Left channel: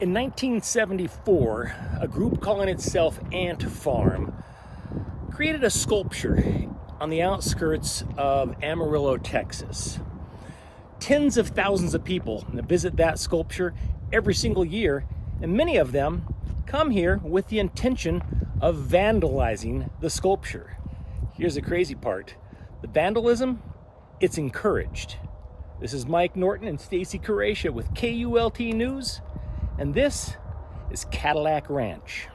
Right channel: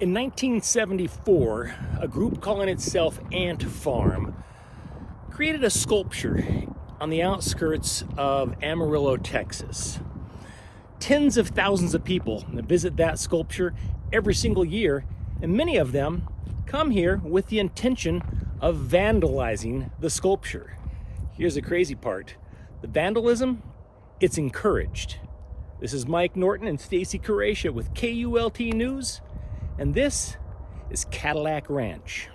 In 1974, a group calling itself Ant Farm created a sculpture on the outskirts of Amarillo, Texas. Tens of thousands of people visit that sculpture every single year, and many of them come here with the intention of vandalizing the sculpture. Here's the crazy part. The vandalism, it's encouraged. This is Mike Norton and Stacy Karacia with KULT News, and this is Cadillac Ranch.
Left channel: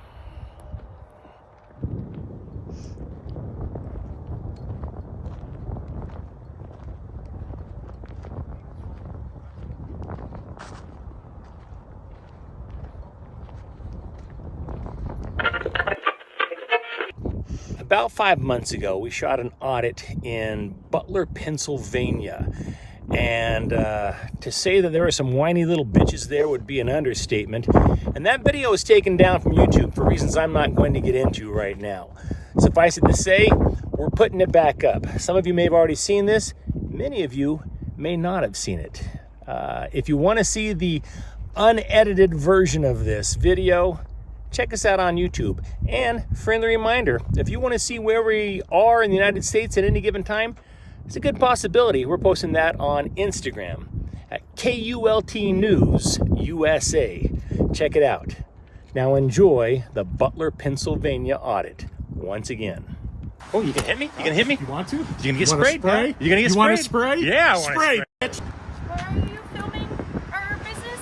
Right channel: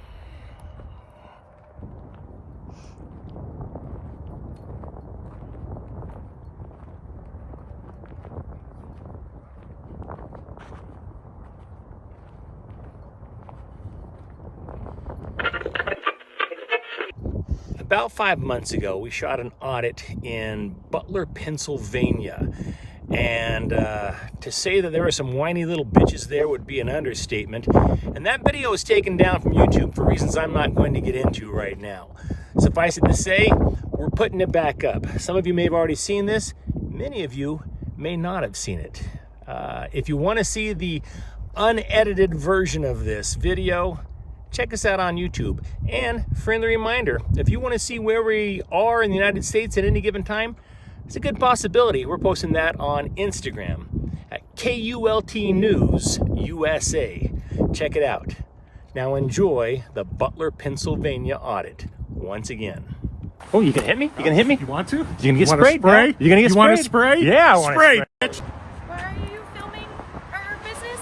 About 5 months ago, we shot an audit in Butler, Pennsylvania. And to say that there were some whiny little bitches there would be an understatement. And that video was taken down from YouTube for reasons I'm not going to get into right now. Suffice it to say, we're putting it back up. Some of you may have already seen this. Many of you may not have seen it. If you want to see the unedited version of this video, check us out on YouTube. And friendly reminder, if you want to see where we are in the United States at any given time, it's a good possibility. We're posting that on Instagram at KULT News USA. Check it out. Now enjoy the Butler, Pennsylvania audit once again. Oh, you can hit me? You can hit me? You want to? You gonna get sprayed? Spray? You gonna get You sprayed? want to spray? Yeah, I want spray, to bitch. Where are you filming our business?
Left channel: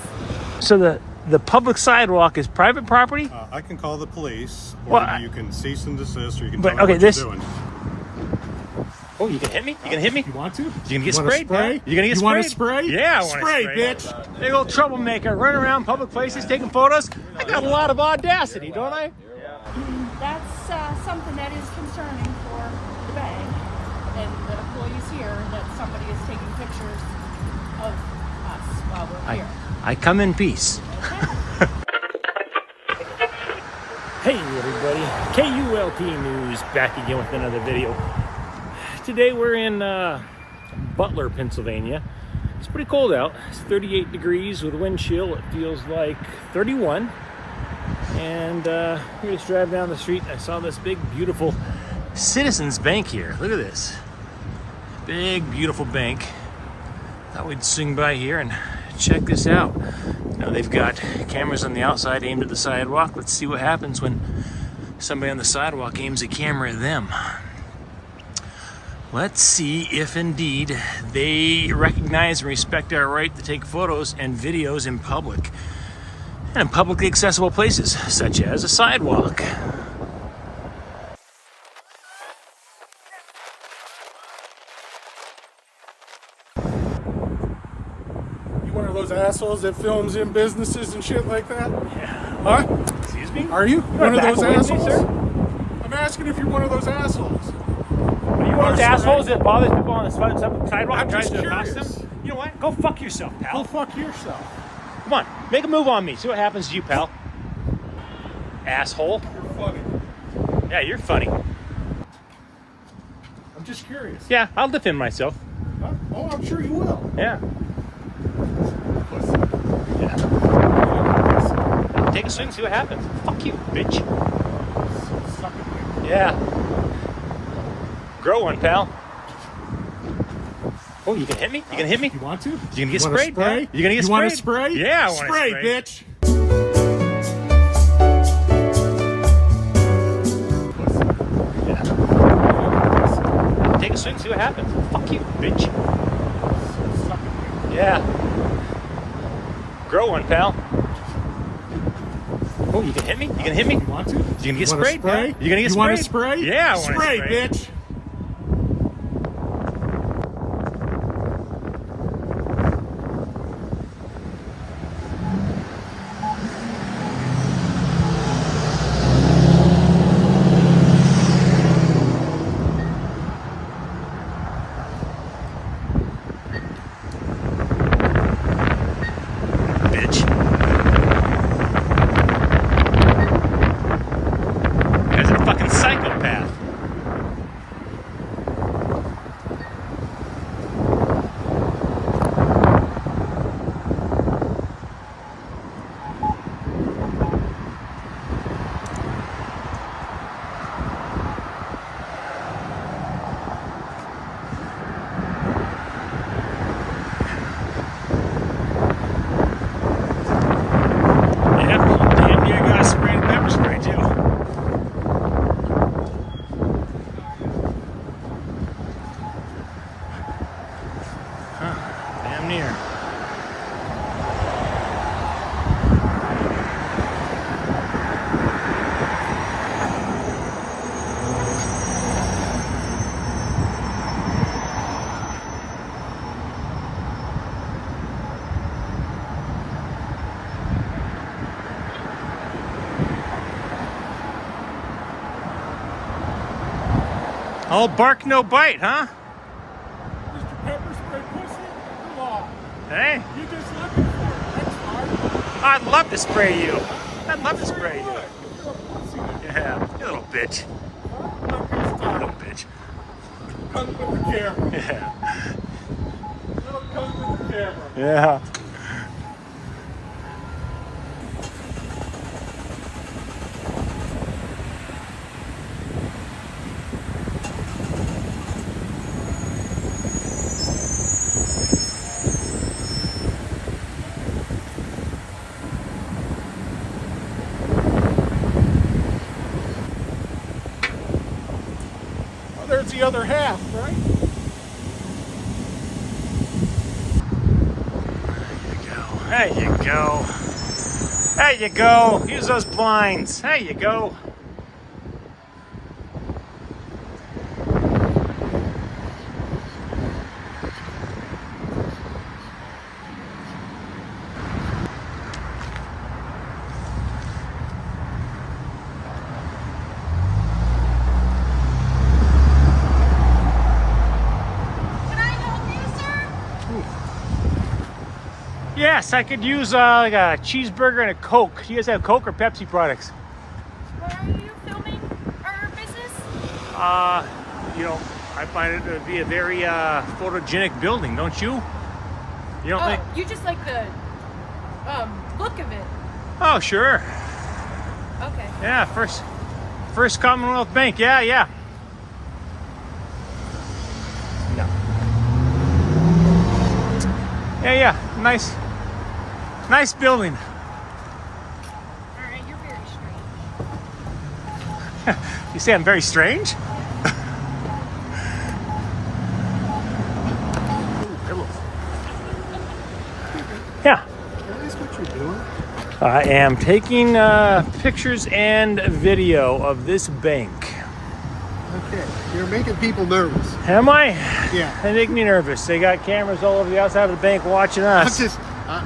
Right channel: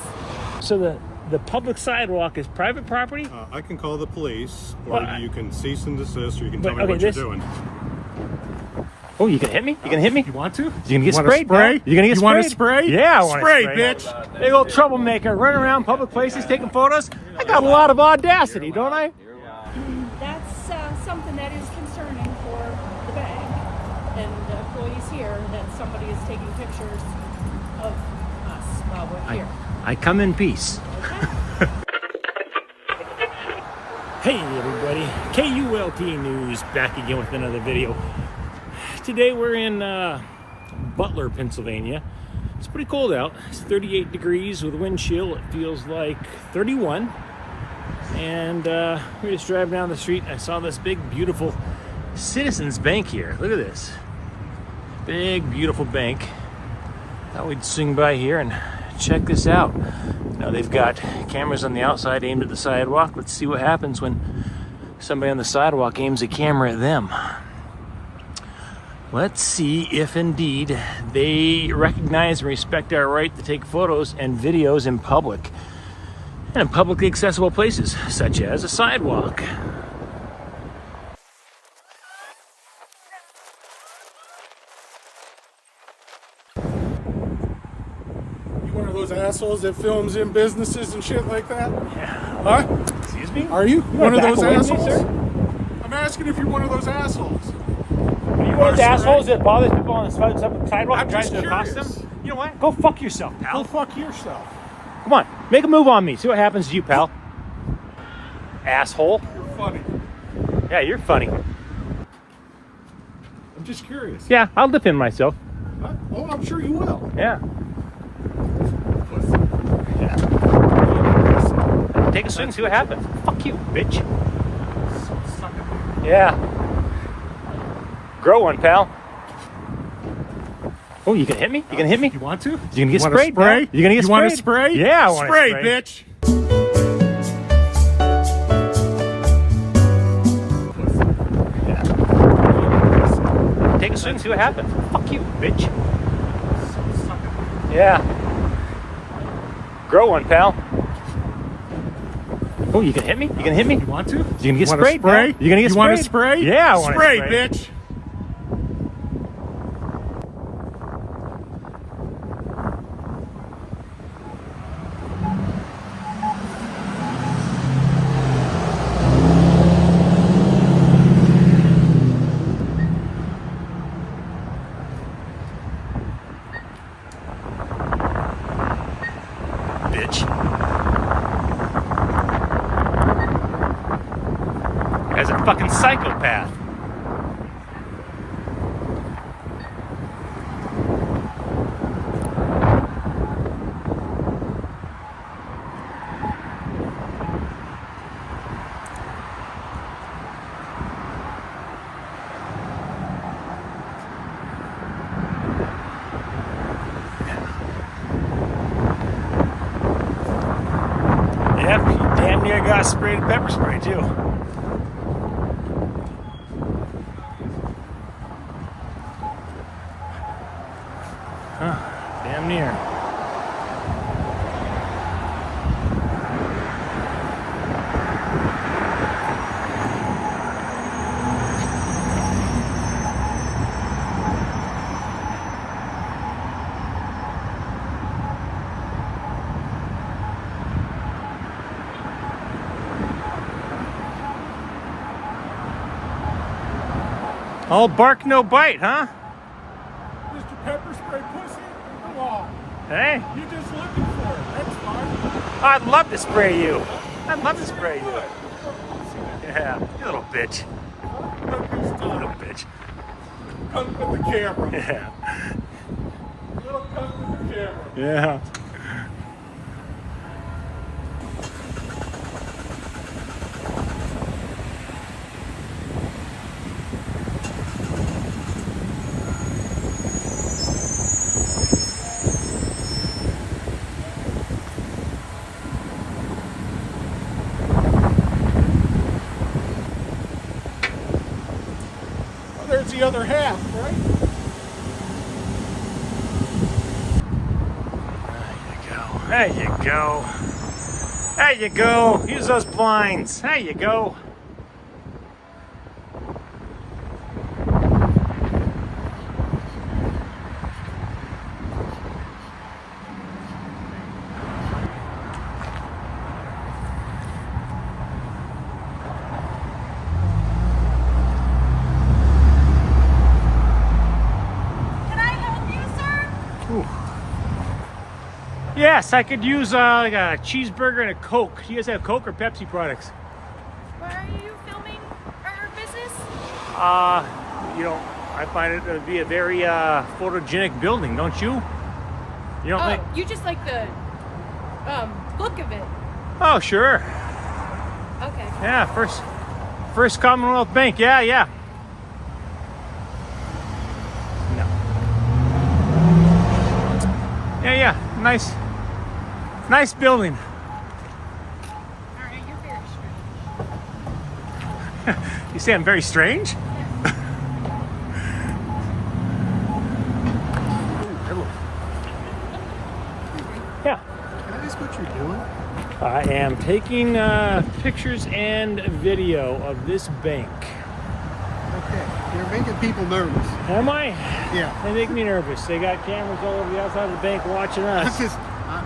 So the public sidewalk is private property? I can call the police, or Well, you can cease and desist, or you can but, tell me okay, what this- you're doing. Oh, you can hit me? You can hit me? You want to? You gonna get want to sprayed? spray? You gonna get You want to sprayed? spray? Yeah, I want to spray, spray. bitch. Big old troublemaker, running around public places taking photos. I got a lot of audacity, don't I? That's something that is concerning for the bank and the employees here, that somebody is taking pictures of us while we're here. I come in peace. Okay? Hey everybody, KULT News back again with another video. Today we're in Butler, Pennsylvania. It's pretty cold out. It's 38 degrees with wind chill. It feels like 31. And we just drive down the street. I saw this big, beautiful Citizens Bank here. Look at this. Big, beautiful bank. Thought we'd swing by here and check this out. Now they've got cameras on the outside aimed at the sidewalk. Let's see what happens when somebody on the sidewalk aims a camera at them. Let's see if indeed they recognize and respect our right to take photos and videos in public and in publicly accessible places, such as a sidewalk. You one of those assholes that films in businesses and shit like that? Yeah. Huh? Excuse me? Are you one of those Excuse me, assholes? sir? I'm asking if you're one of those assholes. Are you one of the Are you assholes that bothers people on the sidewalk I'm trying just to accost curious. them? You know what? Go fuck yourself, pal. Go fuck yourself. Come on, make a move on me. See what happens to you, pal. Asshole. You're funny. Yeah, you're funny. I'm just curious. Yeah, I'll defend myself. Huh? Oh, I'm sure you will. Yeah. Take a swing, see what happens. Fuck you, bitch. Suck it. Yeah. Grow one, pal. Oh, you can hit me? You can hit me? You want to? You gonna get want to sprayed? spray? pal? You gonna get You sprayed? want to spray? Yeah, I want to spray, spray. bitch. Take a swing, see what happens. Fuck you, bitch. Suck it. Yeah. Grow one, pal. Oh, you can hit me? You can hit me? You want to? You gonna get You want to sprayed? spray? pal? You gonna get You sprayed? want to spray? Yeah, I want to spray, spray. bitch. Bitch. As a fucking psychopath. here? All bark, no bite, huh? Mr. Pepper Spray Pussy? Come on. Hey, You just looking for it. That's fine. I'd love to spray you. I'd love to spray you. You're a pussy. Yeah, you little bitch. Look who's Little talking. bitch. Cunt with the camera. Yeah. Little cunt with the camera. Yeah. Oh, there's the other half, right? There you go. There you go. Use those blinds. There you go. Ooh. Yes, I could use like a cheeseburger and a Coke. Do you guys have Coke or Pepsi products? Where are you filming our business? You know, I find it to be a very photogenic building, don't you? You don't think? You just like the look of it. Oh, sure. Okay. Yeah, first Commonwealth Bank. Yeah. No. Yeah. Nice building. All right, you're very strange. You say I'm very strange? Ooh, hello. Yeah. Can I ask what you're doing? I am taking pictures and video of this bank. Okay. You're making people nervous. Am I? Yeah. They make me nervous. They got cameras all over the outside of the bank watching us.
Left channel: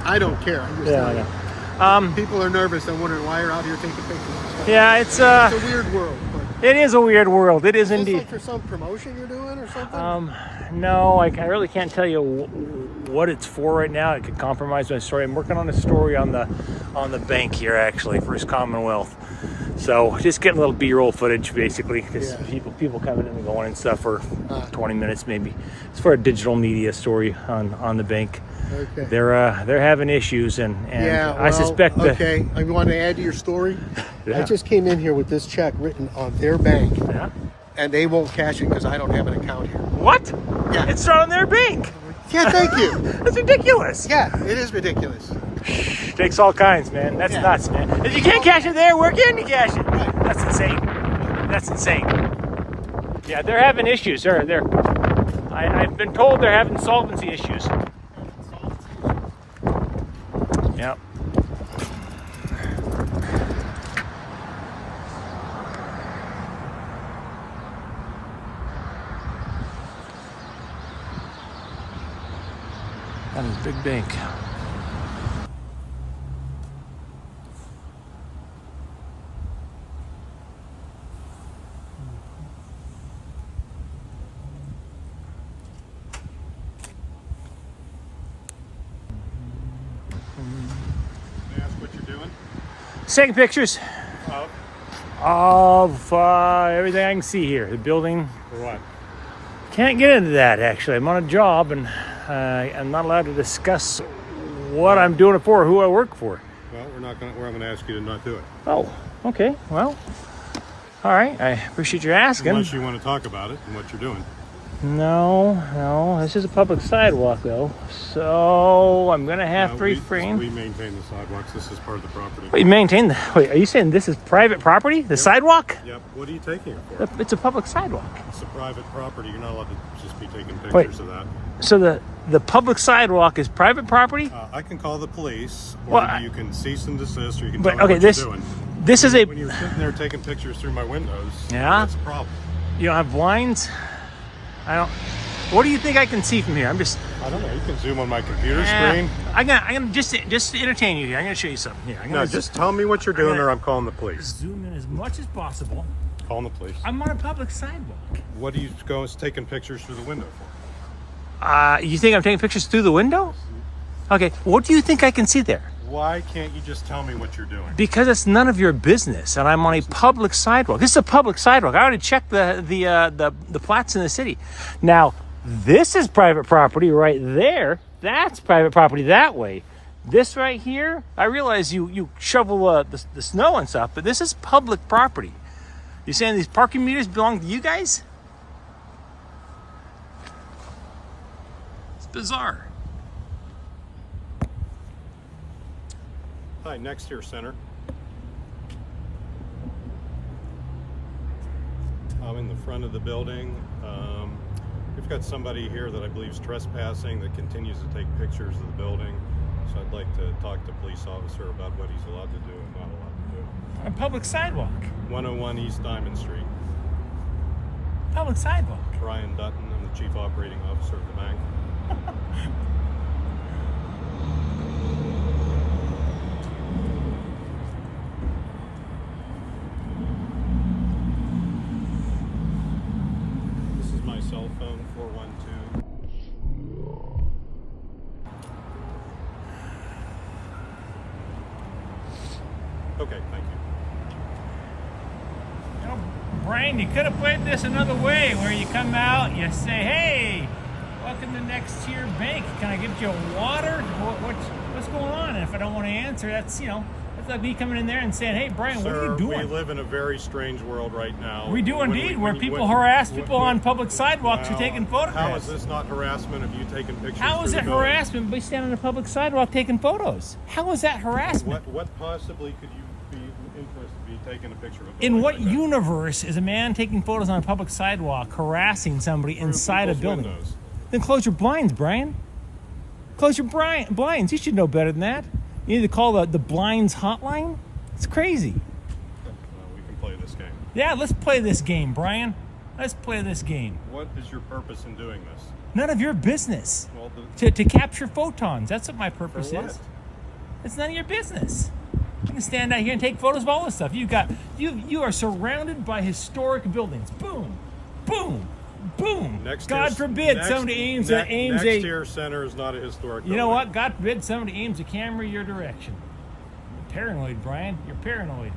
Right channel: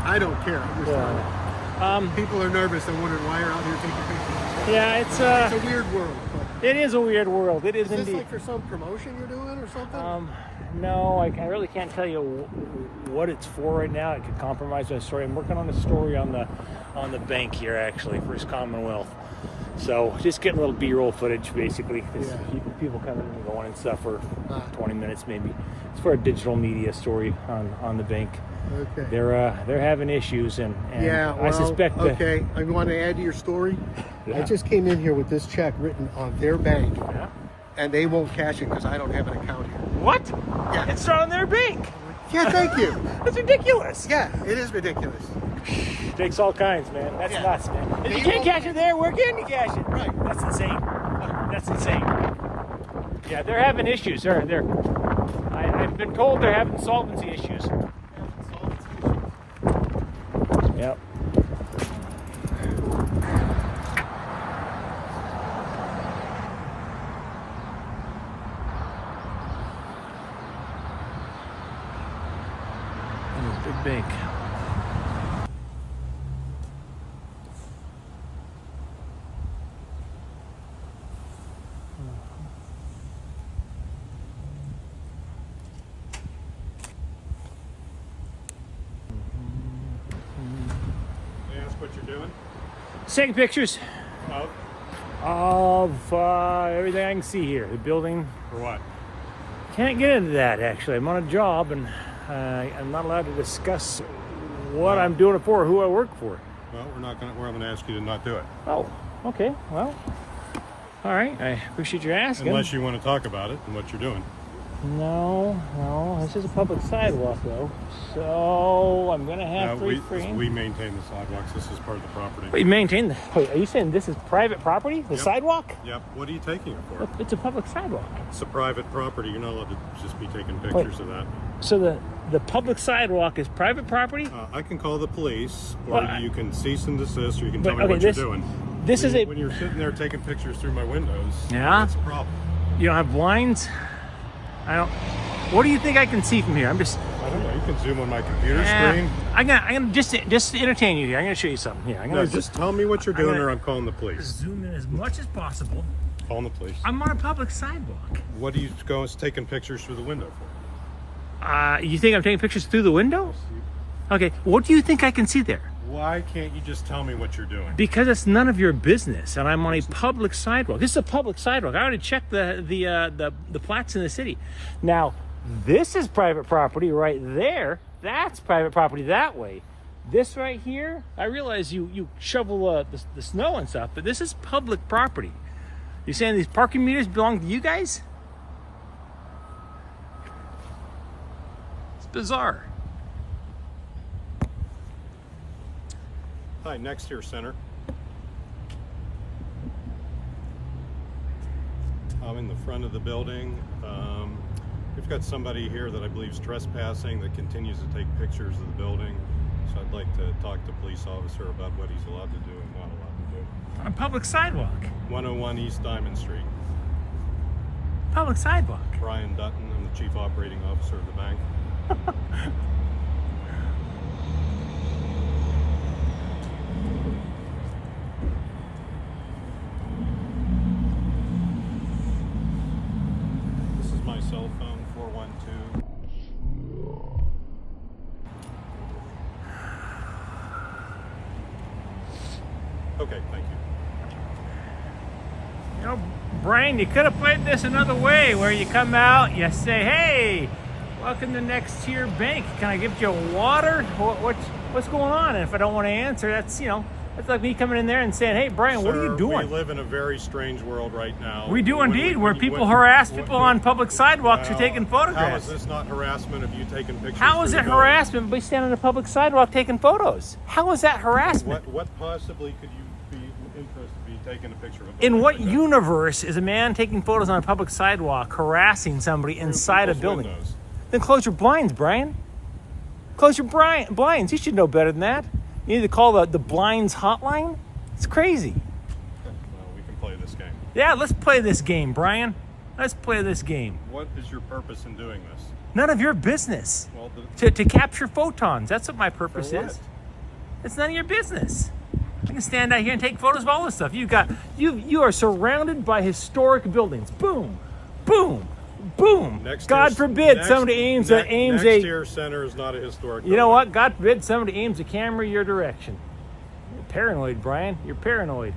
I don't care. I just Yeah. people are nervous. They're wondering why you're out here taking pictures and stuff. Yeah, It's a weird world. But it is a weird world. It is is this indeed. like for some promotion you're doing or something? No, I really can't tell you what it's for right now. It could compromise my story. I'm working on a story on the bank here, actually, First Commonwealth. So just getting a little B-roll footage, basically. Just people coming in and going and stuff for 20 minutes, maybe. It's for a digital media story on the bank. Okay. They're having issues, and I suspect that. Okay, I want to add to your story. Yeah. I just came in here with this check written on their bank, Yeah. and they won't cash it because I don't have an account here. What? Yeah. It's not on their bank. Yeah, thank you. That's ridiculous. Yeah, it is ridiculous. Takes all kinds, man. That's Yeah. nuts, man. If you can't cash it there, where can you cash it? Right. That's insane. That's insane. Yeah, they're having issues. I've been told they're having solvency issues. Yep. That is a big bank. May I ask what you're doing? Taking pictures Of? of everything I can see here. The building. For what? Can't get into that, actually. I'm on a job, and I'm not allowed to discuss what I'm doing it for or who I work for. Well, we're going to ask you to not do it. Oh, okay. Well, all right. I appreciate your asking. Unless you want to talk about it and what you're doing. No. This is a public sidewalk, though. So I'm going to have to refrain. We maintain the sidewalks. This is part of the property. Wait, maintain the. Wait, are you saying this is private property? The sidewalk? Yep. What are you taking it for? It's a public sidewalk. It's a private property. You're not allowed to just be taking pictures of that. So the public sidewalk is private property? I can call the police, or Well, you can cease and desist, or you can but, tell me okay, what this- you're doing. This is a... When you're sitting there taking pictures through my windows, Yeah? that's a problem. You don't have blinds? I don't... What do you think I can see from here? I'm just... I don't know. You can zoom on my computer screen. I'm gonna just to entertain you here. I'm gonna show you something here. I'm gonna No, just tell me what you're doing, or I'm calling the police. zoom in as much as possible. Calling the police. I'm on a public sidewalk. What are you going taking pictures through the window for? You think I'm taking pictures through the window? Okay. What do you think I can see there? Why can't you just tell me what you're doing? Because it's none of your business, and I'm on a public sidewalk. This is a public sidewalk. I already checked the plats in the city. Now, this is private property right there. That's private property that way. This right here, I realize you shovel the snow and stuff, but this is public property. You saying these parking meters belong to you guys? It's bizarre. Hi, next here, center. I'm in the front of the building. We've got somebody here that I believe is trespassing that continues to take pictures of the building. So I'd like to talk to a police officer about what he's allowed to do and not allowed to do. On a public sidewalk. 101 East Diamond Street. Public sidewalk. Brian Dutton, I'm the Chief Operating Officer of the bank. This is my cell phone, 412. Okay, thank you. You know, Brian, you could have played this another way, where you come out, you say, "Hey, welcome to Next Tier Bank. Can I give you water? What's going on?" And if I don't want to answer, that's that's like me coming in there and saying, "Hey, Brian, what are you doing?" We live in a very strange world right now. We do indeed, where people harass people on public sidewalks for taking How photographs. is this not harassment of you taking pictures? How is through it the building? harassment by standing on a public sidewalk taking photos? How is that harassment? What possibly could you be interested in be taking a picture of? A In building what like that? universe is a man taking photos on a public sidewalk harassing somebody Through inside a people's building? windows. Then close your blinds, Brian. Close your blinds. You should know better than that. You need to call the blinds hotline. It's crazy. Well, we can play this game. Yeah, let's play this game, Brian. Let's play this game. What is your purpose in doing this? None of your business. Well, To capture photons. That's what my purpose for what? is. It's none of your business. You can stand out here and take photos of all this stuff. You are surrounded by historic buildings. Boom, boom, boom. God forbid somebody aims a Next Tier Center is not a historic You know building. what? God forbid somebody aims a camera your direction. You're paranoid, Brian. You're paranoid.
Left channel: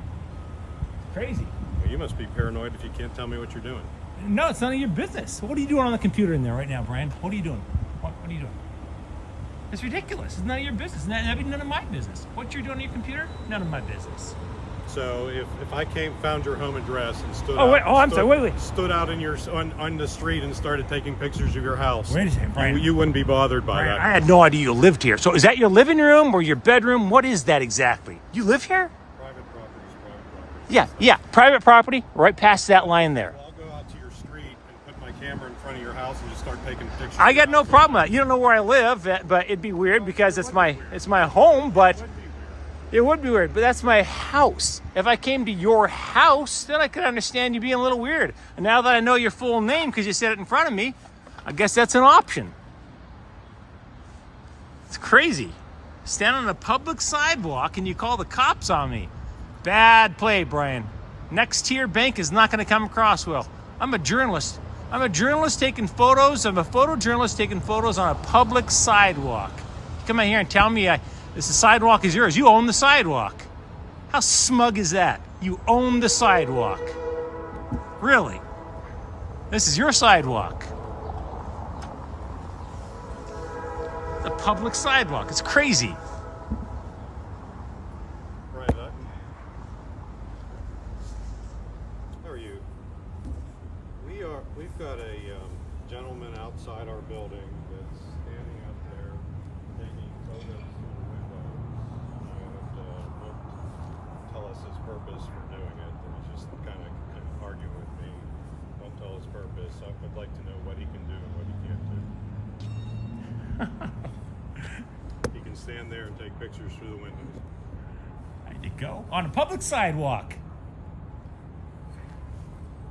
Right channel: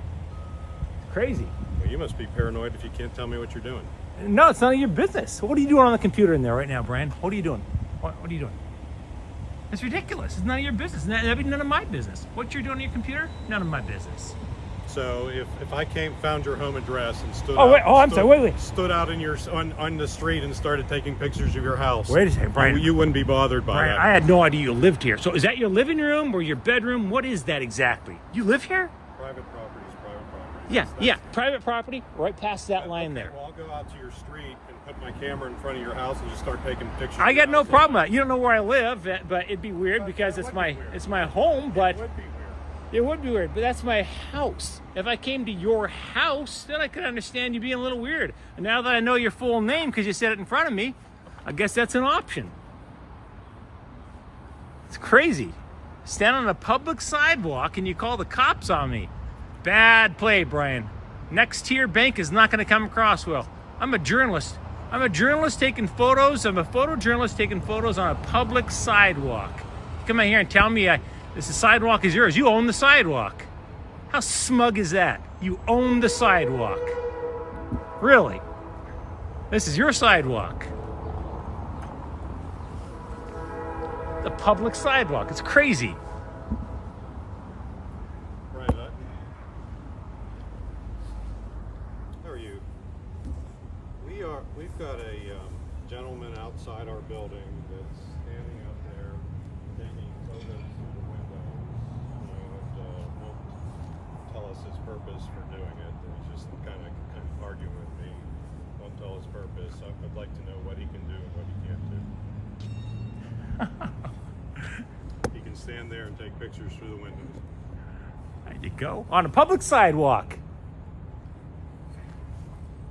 Crazy. Well, you must be paranoid if you can't tell me what you're doing. No, it's none of your business. What are you doing on the computer in there right now, Brian? What are you doing? What are you doing? It's ridiculous. It's none of your business. That'd be none of my business. What you're doing on your computer? None of my business. So if I found your home address and stood stood out in on the street and started taking pictures of your house, Wait a second, Brian. you wouldn't be bothered by Brian, that. I had no idea you lived here. So is that your living room or your bedroom? What is that exactly? You live here? Private property is private property. Yeah. Private property, right past that line there. Well, I'll go out to your street and put my camera in front of your house and just start taking pictures. I of your got no house. problem with that. You don't know where I live, but it'd be weird because it's my home, but It would be weird. it would be weird, but that's my house. If I came to your house, then I could understand you being a little weird. And now that I know your full name because you said it in front of me, I guess that's an option. It's crazy. Stand on a public sidewalk and you call the cops on me. Bad play, Brian. Next Tier Bank is not going to come across well. I'm a journalist. I'm a journalist taking photos. I'm a photojournalist taking photos on a public sidewalk. Come out here and tell me this sidewalk is yours. You own the sidewalk. How smug is that? You own the sidewalk. Really? This is your sidewalk. The public sidewalk. It's crazy. Right. How are you? We've got a gentleman outside our building that's standing up there taking photos through the windows. Won't tell us his purpose for doing it. He's just kind of arguing with me. Won't tell his purpose. I'd like to know what he can do and what he can't do. He can stand there and take pictures through the windows. There you go. On a public sidewalk.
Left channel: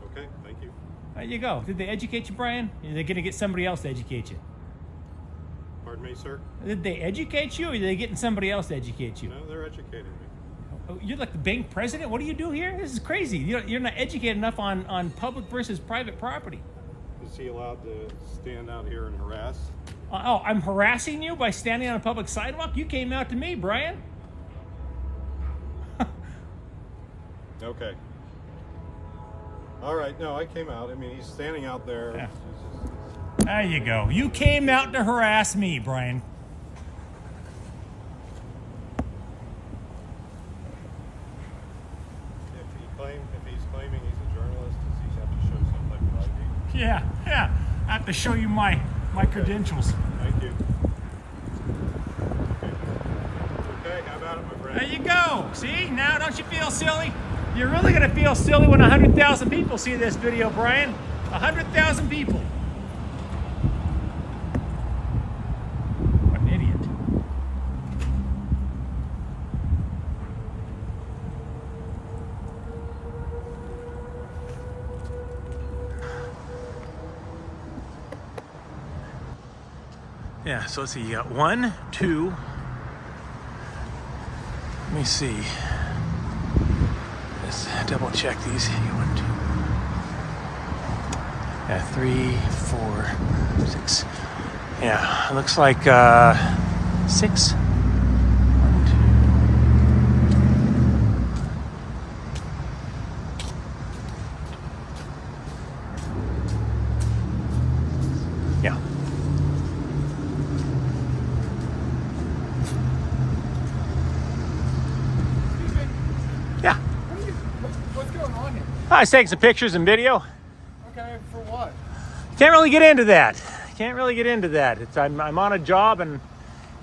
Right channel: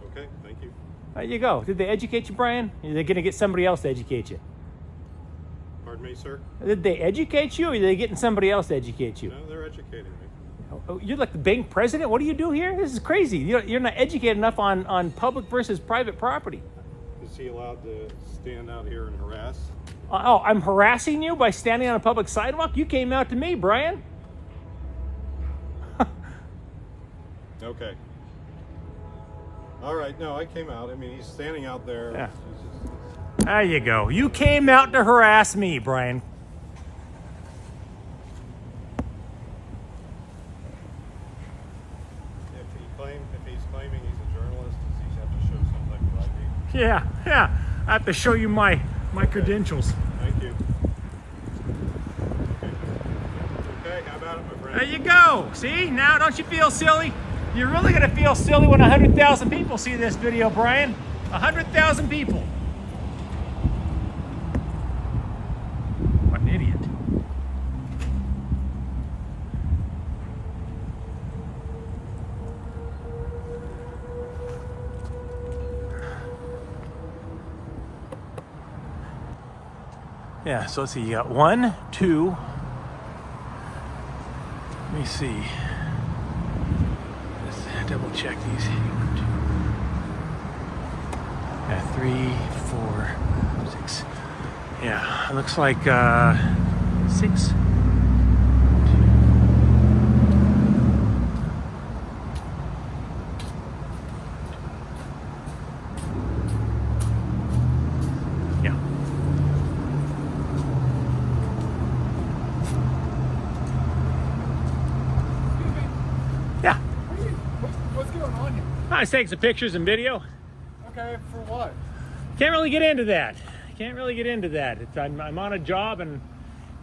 Okay, thank you. There you go. Did they educate you, Brian? Are they going to get somebody else to educate you? Pardon me, sir? Did they educate you, or are they getting somebody else to educate you? No, they're educating me. Oh, you're like the bank president? What do you do here? This is crazy. You're not educated enough on public versus private property. Is he allowed to stand out here and harass? Oh, I'm harassing you by standing on a public sidewalk? You came out to me, Brian. Okay. All right, no, I came out. I mean, he's standing out there. Yeah. He's just- There you go. You came out to harass me, Brian. If he's claiming he's a journalist, does he have to show some type of ID? Yeah. I have to show you my credentials. Thank you. Okay, how about it, my friend? There you go. See? Now don't you feel silly? You're really going to feel silly when 100,000 people see this video, Brian. 100,000 people. What an idiot. Yeah, so let's see, you got 1, 2, let me see. Just double check these. 1, 2. Yeah, 3, 4, 6. Yeah, it looks like 6. 1, 2. Yeah. Yeah. What's going on here? I was taking some pictures and video. Okay, for what? Can't really get into that. Can't really get into that. I'm on a job and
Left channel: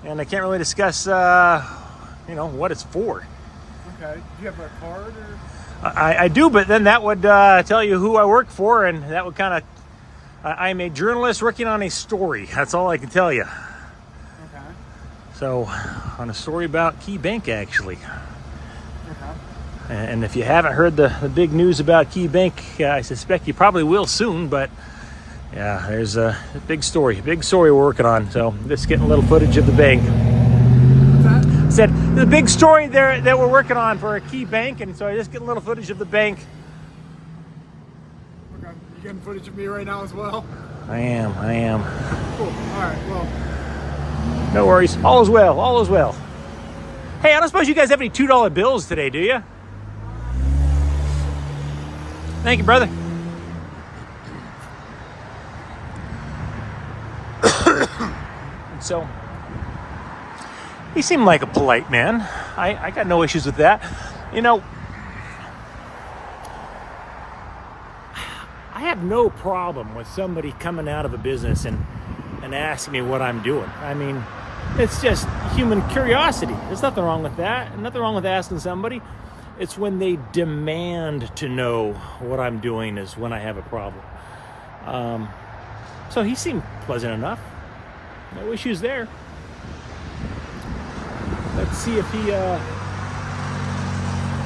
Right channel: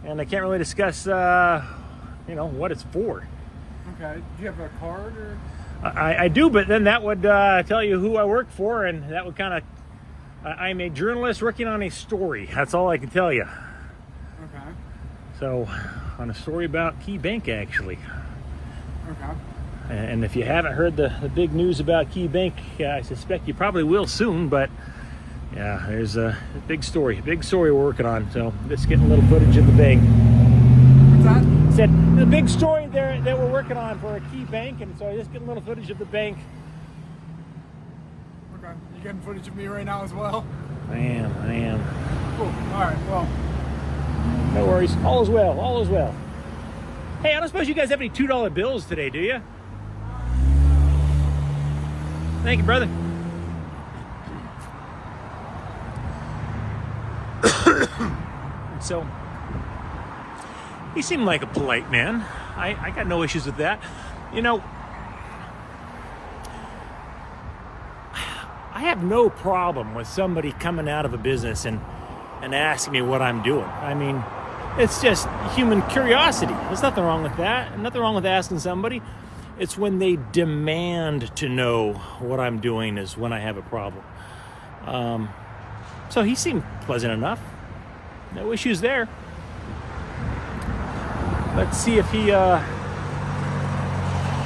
I can't really discuss what it's for. Okay, do you have a card or? I do, but then that would tell you who I work for, and that would kind of. I'm a journalist working on a story. That's all I can tell you. Okay. So, on a story about Key Bank, actually. Okay. And if you haven't heard the big news about Key Bank, I suspect you probably will soon, but yeah, there's a big story we're working on. So just getting a little footage of the bank. What's that? Said the big story there that we're working on for a Key Bank, and so I just get a little footage of the bank. Okay, you getting footage of me right now as well? I am. Cool, all right, well. No worries, all is well, all is well. Hey, I don't suppose you guys have any $2 bills today, do you? Thank you, brother. So, he seemed like a polite man. I got no issues with that. You know, I have no problem with somebody coming out of a business and asking me what I'm doing. I mean, it's just human curiosity. There's nothing wrong with that. Nothing wrong with asking somebody. It's when they demand to know what I'm doing is when I have a problem. So he seemed pleasant enough. No issues there. Let's see if he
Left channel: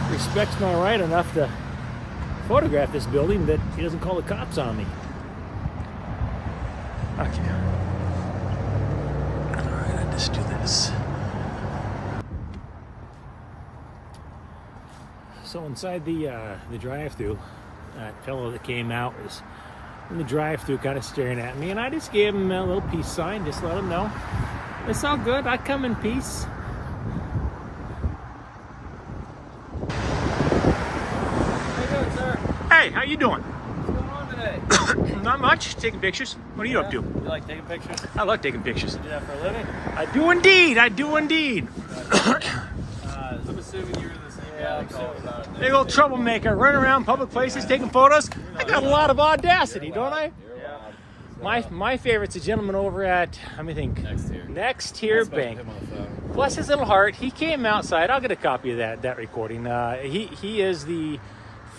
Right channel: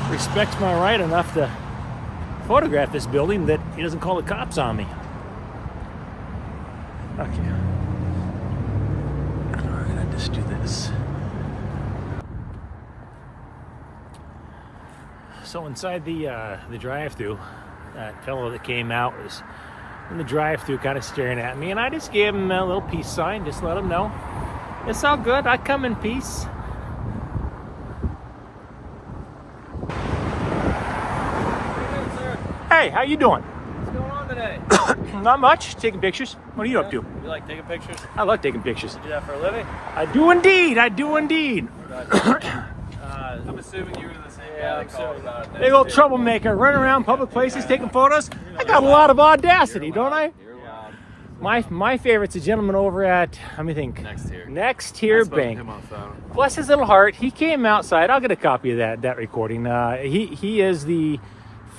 respects my right enough to photograph this building that he doesn't call the cops on me. Okay. All right, I'll just do this. So inside the drive-thru, that fellow that came out was in the drive-thru kind of staring at me, and I just gave him a little peace sign, just let him know it's all good, I come in peace. Hey, how you doing? What's going on today? Not much, taking pictures. What are you up to? You like taking pictures? I love taking pictures. You do that for a living? I do indeed, I do indeed. I'm assuming you were in the same. Yeah, I'm assuming not. Big old troublemaker, running around public places taking photos. I got a lot of audacity, don't I? You're loud. My favorite's a gentleman over at, let me think. Next Tier I spoke to Bank. him on the phone. Bless his little heart, he came outside. I'll get a copy of that recording. He is the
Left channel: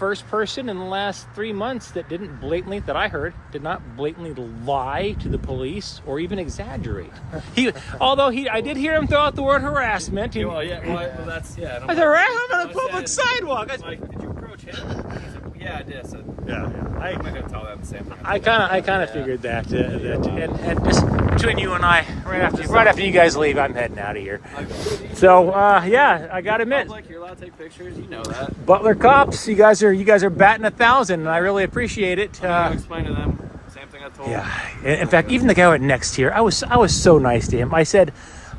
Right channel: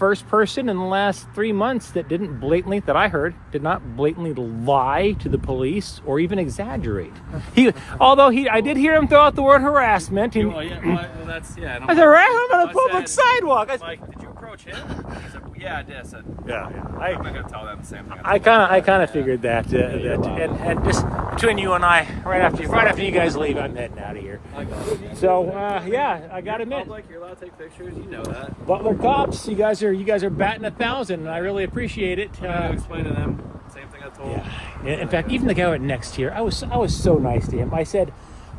first person in the last 3 months that didn't blatantly, that I heard, did not blatantly lie to the police or even exaggerate. I did hear him throw out the word harassment. Well, yeah, well, that's, yeah. And I said, harassment on a public sidewalk. I'm like, did you approach him? He said, yeah, I did. I said, Yeah. I'm not going to tell them the same thing. I kind of figured that. Yeah. And just between you and I, right after you guys leave, I'm heading out of here. So yeah, I gotta admit, You're allowed to take pictures. You know that. Butler cops, you guys are batting 1,000, and I really appreciate it. Explain to them same thing I told them. Yeah. In fact, even the guy right next here, I was so nice to him. I said,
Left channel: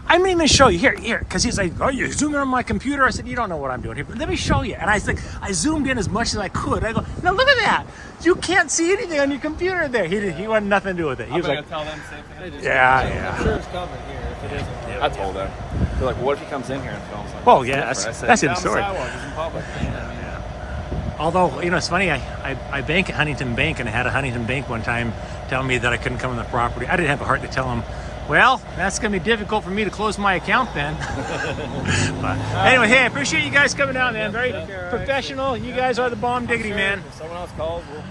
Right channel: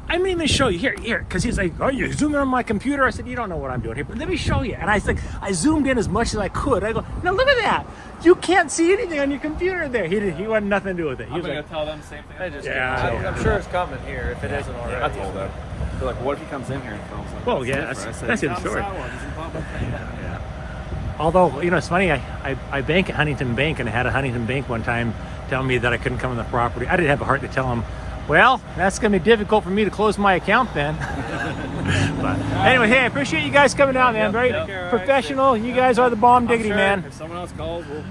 I'm gonna even show you here, because he's like, oh, you zooming on my computer? I said, you don't know what I'm doing here, but let me show you. And I said, I zoomed in as much as I could. I go, now look at that. You can't see anything on your computer there. He wanted nothing to do with it. He was I'm like, going to tell them the same thing I just yeah. I'm sure it's coming here if it isn't already. I told them. They're like, what if he comes in here and films something? Well, yeah, that's in the story. Yeah. Although, it's funny, I bank at Huntington Bank, and I had a Huntington Bank one time tell me that I couldn't come on the property. I didn't have the heart to tell him, well, that's going to be difficult for me to close my account then. But anyway, hey, I appreciate you guys coming out, man. Very professional. You guys are the bomb diggity, man. If someone else calls, we'll...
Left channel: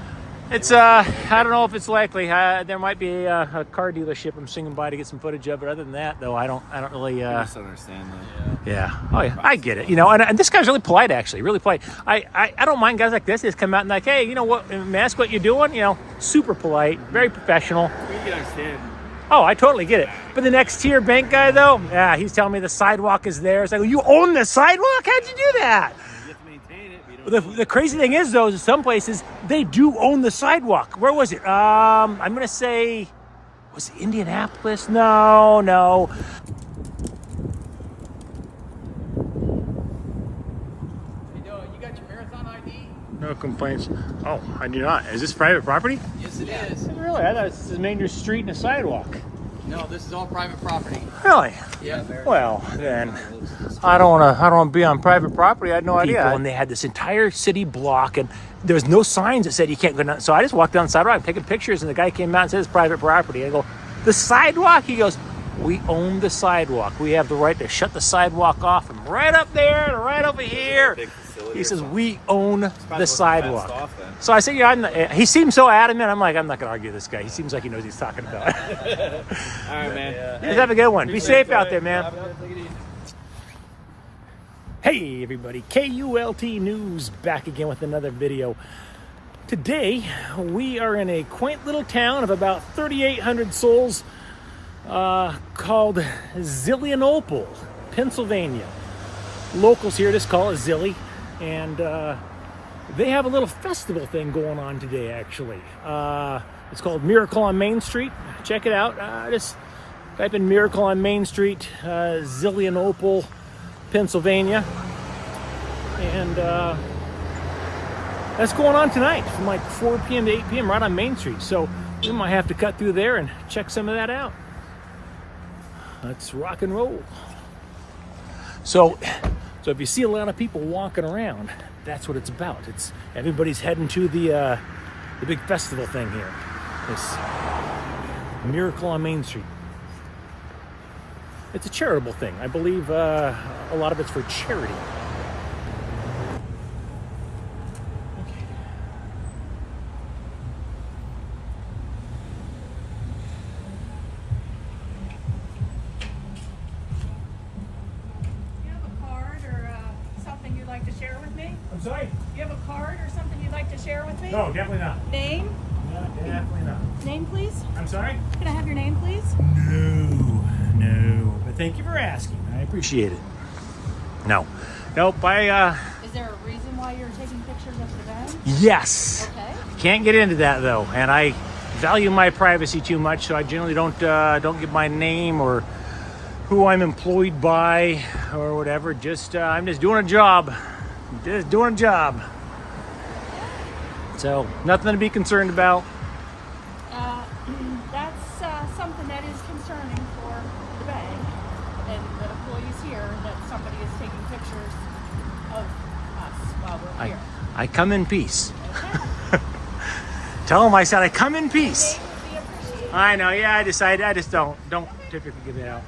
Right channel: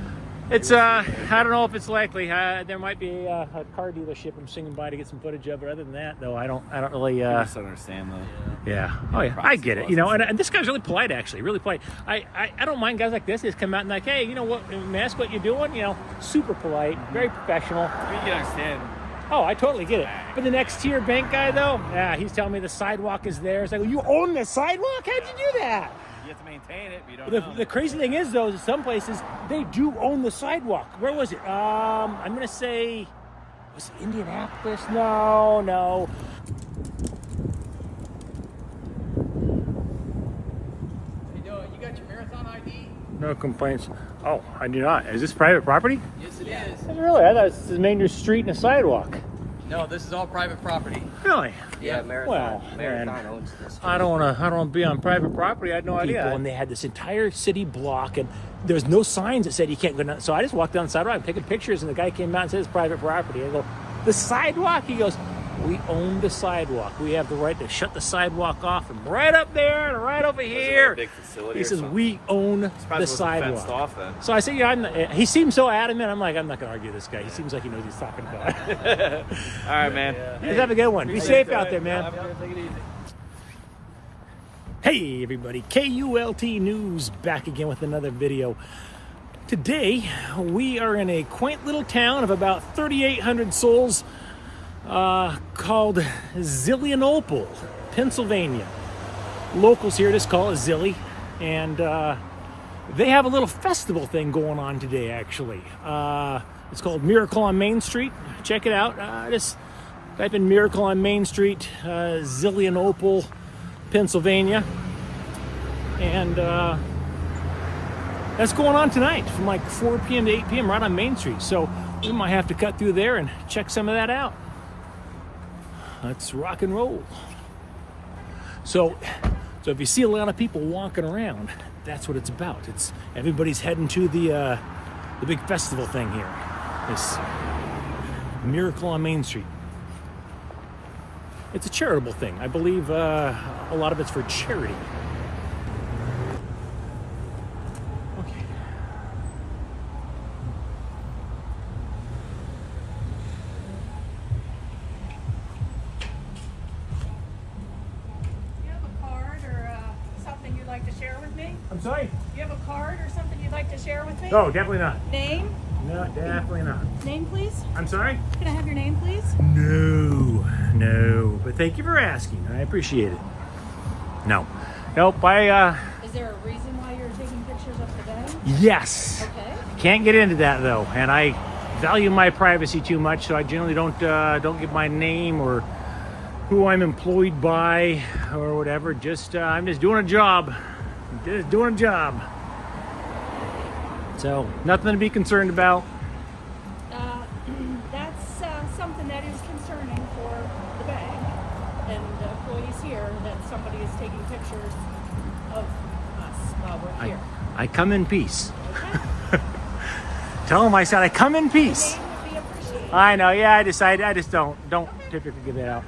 It's, I don't know if it's likely. There might be a car dealership I'm swinging by to get some footage of, but other than that, though, I don't really... I just don't understand that. Yeah. Oh, yeah. I get it. And this guy's really polite, actually. Really polite. I don't mind guys like this. They just come out and like, hey, you know what? May I ask what you're doing? Super polite, very professional. You can understand. Oh, I totally get it. But the next tier bank guy, though, yeah, he's telling me the sidewalk is there. It's like, you own the sidewalk? How'd you do that? You have to maintain it, but you don't The crazy thing is, though, is in some places, they do own the sidewalk. Where was it? I'm going to say, was it Indianapolis? No. You got your marathon ID? No complaints. Oh, I do not. Is this private property? Yes, it is. Really? I thought this is a main street and a sidewalk. No, this is all private property. Really? Yeah. Well, then I don't want to be on private property. I had no idea. And they had this entire city block, and there was no signs that said you can't go down. So I just walked down the sidewalk, taking pictures, and the guy came out and said it's private property. I go, the sidewalk? He goes, we own the sidewalk. We have the right to shut the sidewalk off from right up there to right over here. Big facility. He says we own the sidewalk. Off, then. So I said, he seems so adamant. I'm like, I'm not gonna argue with this guy. He seems like he knows what he's talking about. All right, man. You guys have a good one. Be safe out there, man. Have a good, take it easy. Hey everybody, KULT News back again with another video. Today we are in a quaint little town of about 3,800 souls called Zelienople, Pennsylvania. Locals here just call it Zilly, and they have a little festival thing going on today actually. It's called Miracle on Main Street. Check it out. Just type in Miracle on Main Street, Zelienople, Pennsylvania, and that's going on tonight from like 4 p.m. to 8 p.m. right on Main Street. So we might have to cut through there and check some of that out. Let's rock and roll. So if you see a lot of people walking around, that's what it's about. It's everybody's heading to the big festival thing here. This Miracle on Main Street. It's a charitable thing. I believe a lot of it's for charity. Okay. Do you have a card or something you'd like to share with me? I'm sorry? Do you have a card or something you'd like to share with me? No, definitely not. Name? No, definitely not. Name, please? I'm sorry? Can I have your name, please? No. But thank you for asking. I appreciate it. No. Nope, Is there a reason why you're taking pictures of the bank? yes. Okay. Can't get into that though, and I value my privacy too much, so I generally don't give my name or who I'm employed by or whatever. Just I'm just doing a job. So nothing to be concerned about. That's something that is concerning for the bank and the employees here, that somebody is taking pictures of us while we're here. I come in peace. Okay? Tell them I said I come in peace. Name would be appreciated. I know. Yeah, I just don't typically give that out.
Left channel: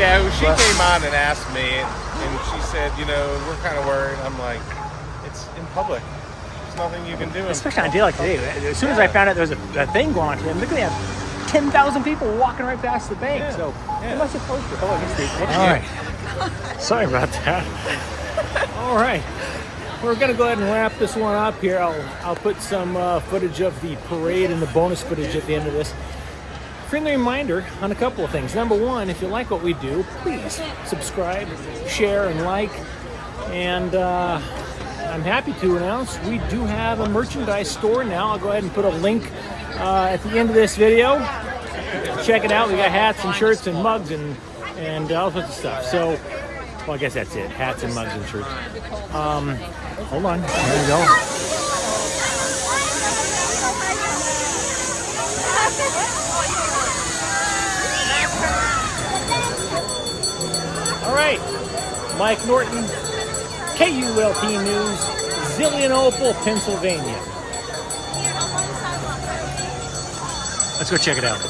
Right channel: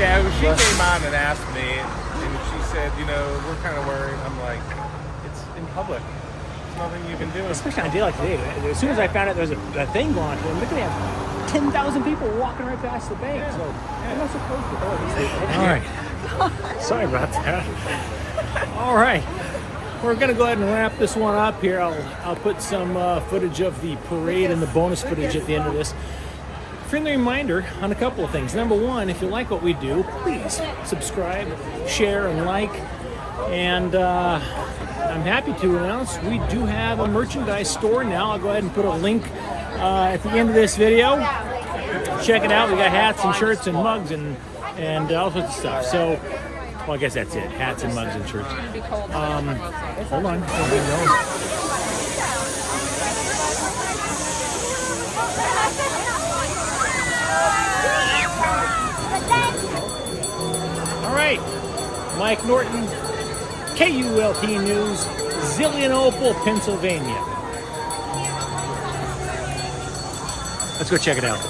Yeah, she came on and asked me, and she said, you know, we're kind of worried. I'm like, it's in public. There's nothing you can do. Especially on a day like today. As soon as I found out there was a thing going on, look at them. 10,000 people walking right past the bank. Yeah. So Yeah. what's it supposed to? All right. Sorry about that. All right. We're gonna go ahead and wrap this one up here. I'll put some footage of the parade and the bonus footage at the end of this. Friendly reminder on a couple of things. Number one, if you like what we do, please subscribe, share, and like. And I'm happy to announce we do have a merchandise store now. I'll go ahead and put a link at the end of this video. Check it out. We got hats and shirts and mugs and all sorts of stuff. So, well, I guess that's it. Hats and mugs and shirts. Hold on. Hang on. All right. Mike Norton, KULT News, Zelienople, Pennsylvania. Let's go check it out.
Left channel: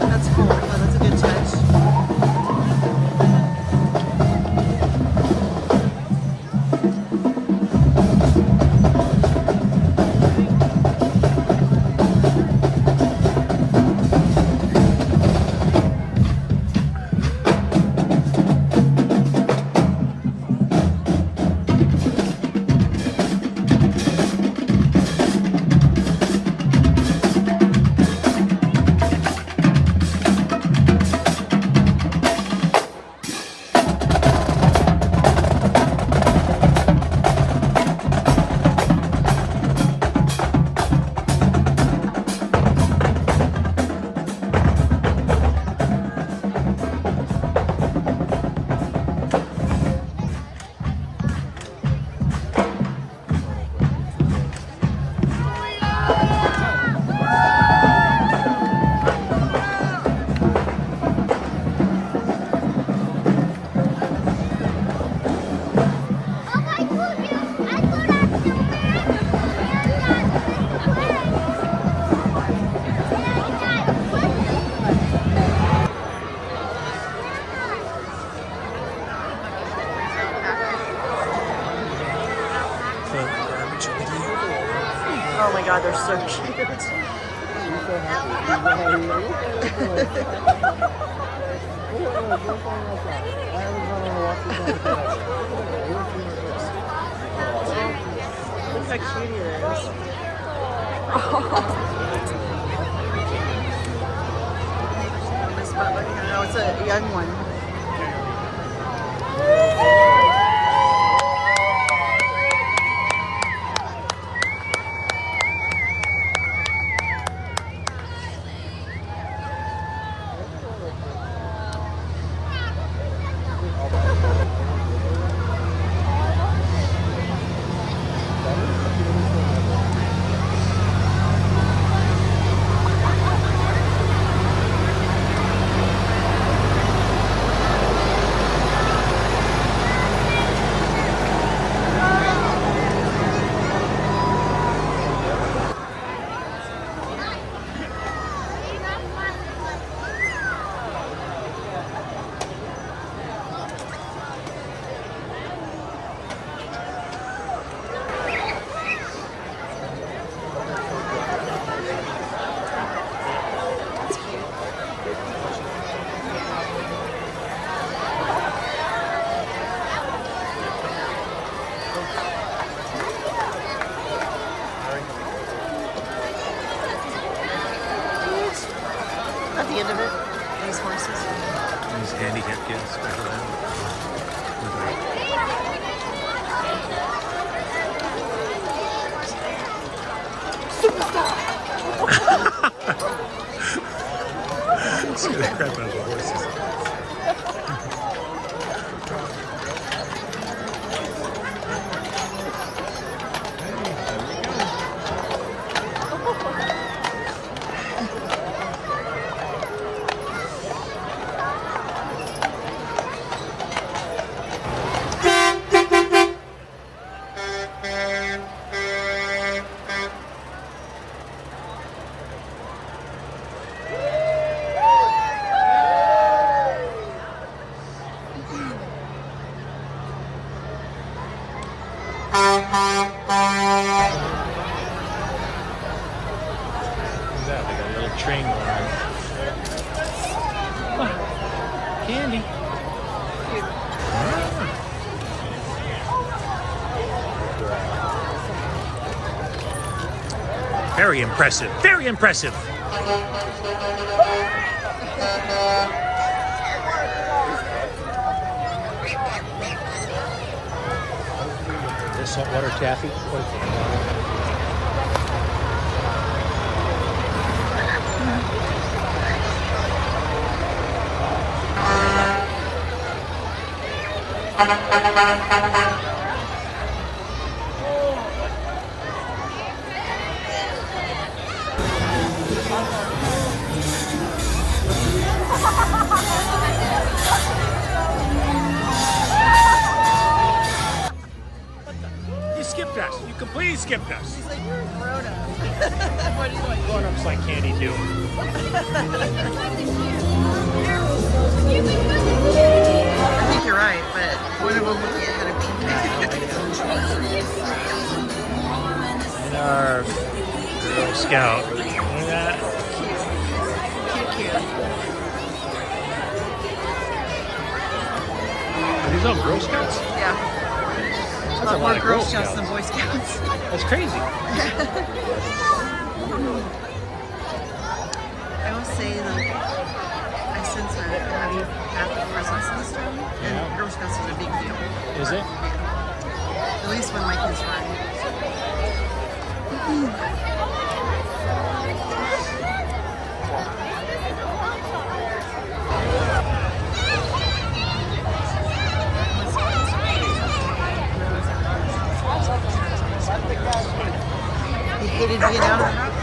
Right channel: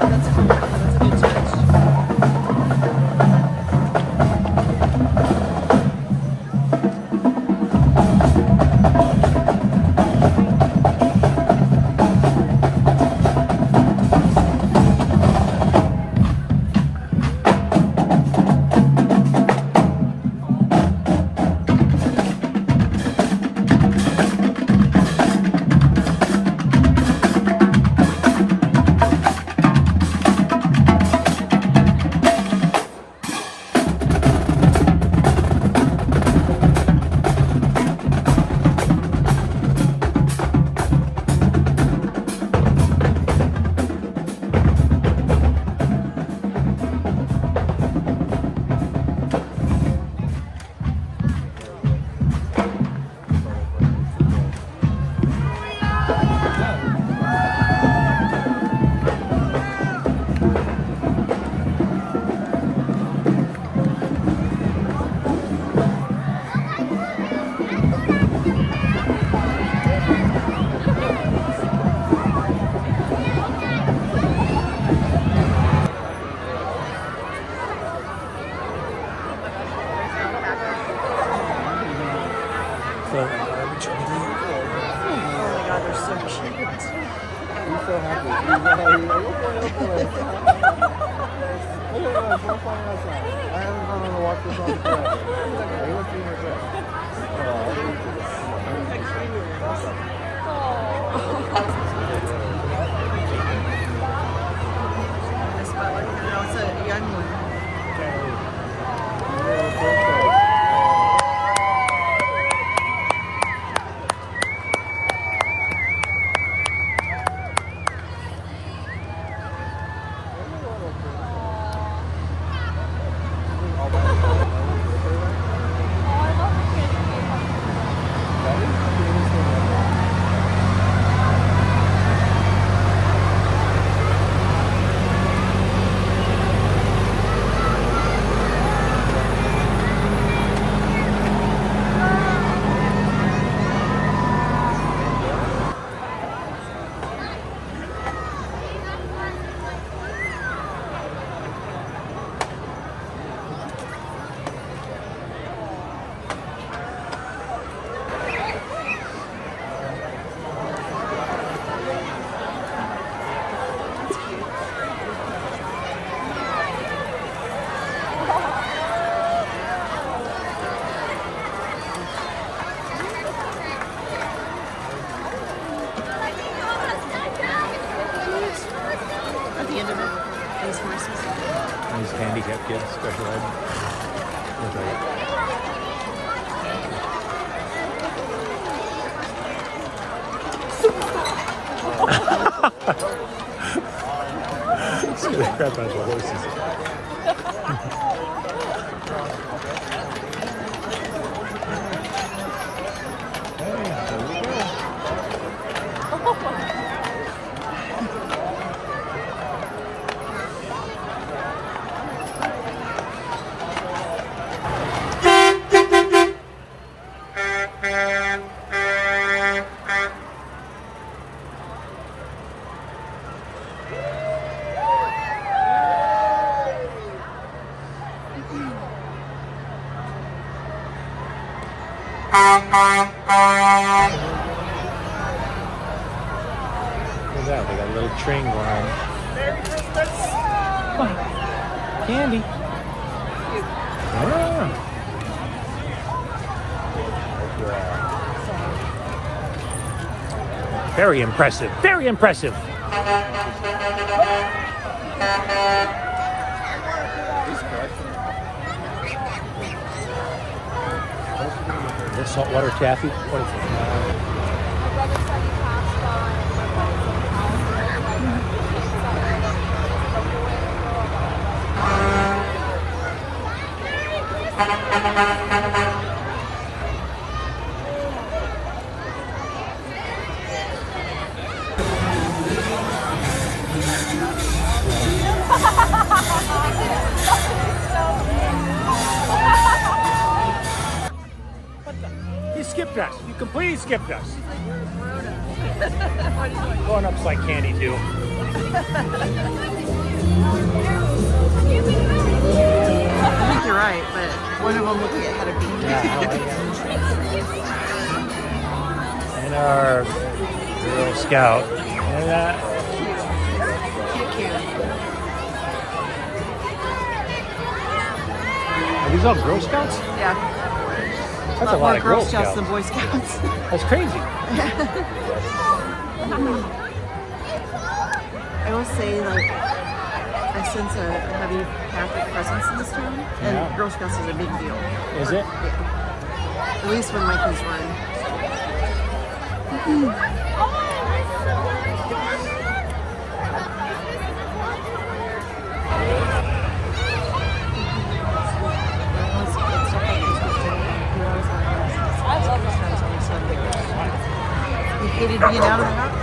That's cool. Oh, that's a good touch. Oh my god, they're so cute. Miss Butler. No, it's a young one. At the end of it, those horses. These handicapped kids, special ed. Scare the crap out of the horses. Look, I got a little train going. Oh, candy. Ah. Very impressive. Very impressive. This saltwater taffy. You skipped us. You completely skipped us. Grown-ups like candy too. I think you're right, but one of them looking ahead of me. And our Girl Scout. Yeah. Cute. Are these all Girl Scouts? Yeah. A lot more Girl Scouts than Boy Scouts. That's crazy. I will say, like, I sense a heavy Catholic presence in this town, and Girl Scouts is a big deal. Is it? Yeah. At least when my kids were in. He hated being out of the house.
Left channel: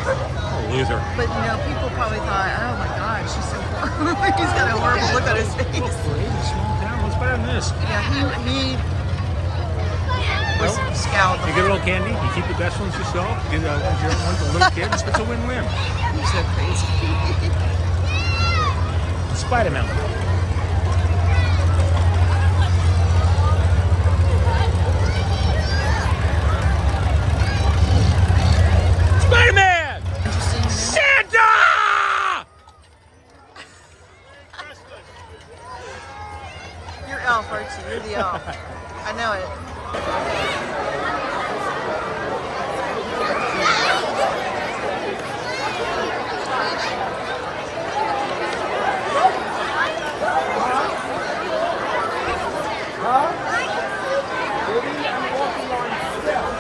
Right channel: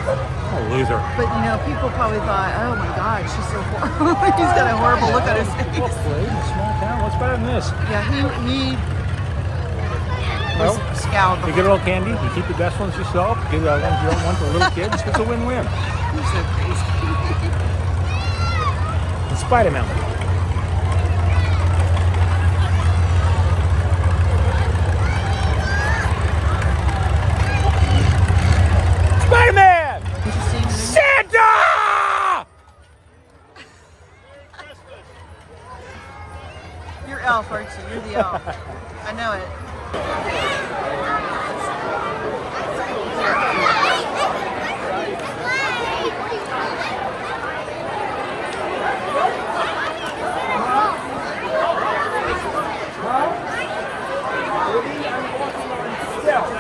Loser. But you know, people probably thought, oh my God, she's so horrible. He's got a horrible look on his face. Well, parade in a small town. What's better than this? Yeah, he was scowled the You whole get a little candy. You keep the best ones yourself. Give the ones you don't want to little kids. It's a win-win. He's so crazy. Spider-Man. Spider-Man! Interesting, you know? Santa! You're Elf, aren't you? You're the elf. I know it. Baby, I'm walking on stealth.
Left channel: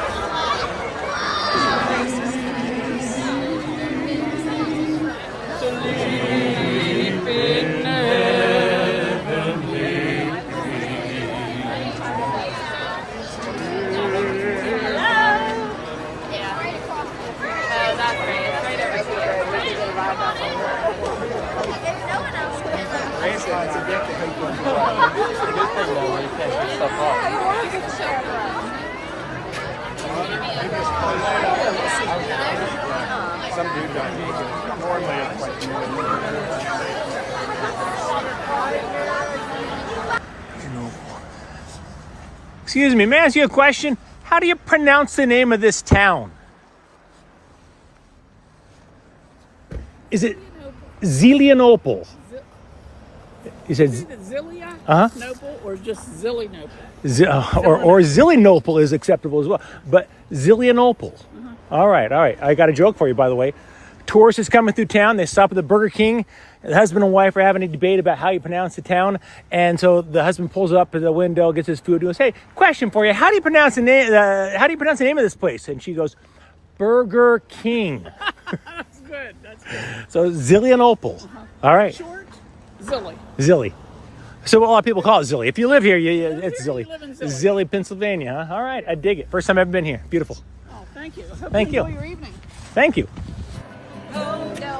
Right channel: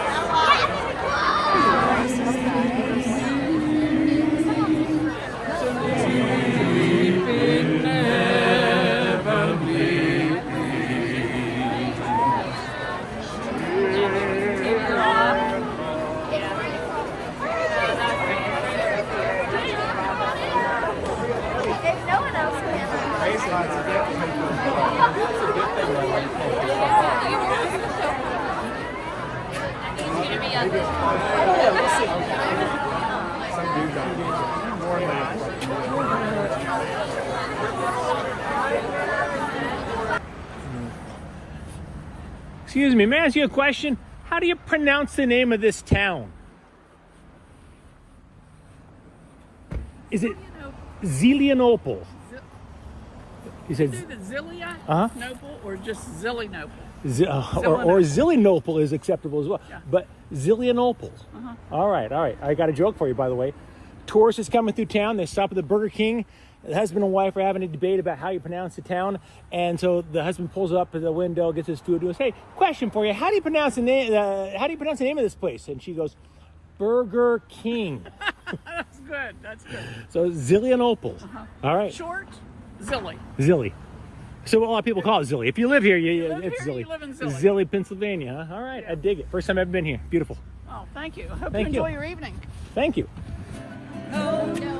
Excuse me, may I ask you a question? How do you pronounce the name of this town? Is it Zelienople? You said Either Zelia Uh-huh. Nople or just Zelienople. or Zelienople is acceptable as well, Yeah. but Zelienople. All right. I got a joke for you, by the way. Tourists is coming through town. They stop at the Burger King. The husband and wife are having a debate about how you pronounce the town, and so the husband pulls up to the window, gets his food, and goes, "Hey, question for you: How do you pronounce the name? How do you pronounce the name of this place?" And she goes, "Burger King." That's good. That's good. So Zelienople. All right. Short, Zilly. Zilly. So a lot of people call it Zilly. If you live here, it's here, Zilly. you live in Zilly. Zilly, Pennsylvania. Huh? All right, I dig it. First time I've ever been here. Beautiful. Oh, thank you. Hope Thank you. enjoy your evening. Thank you. Oh, no.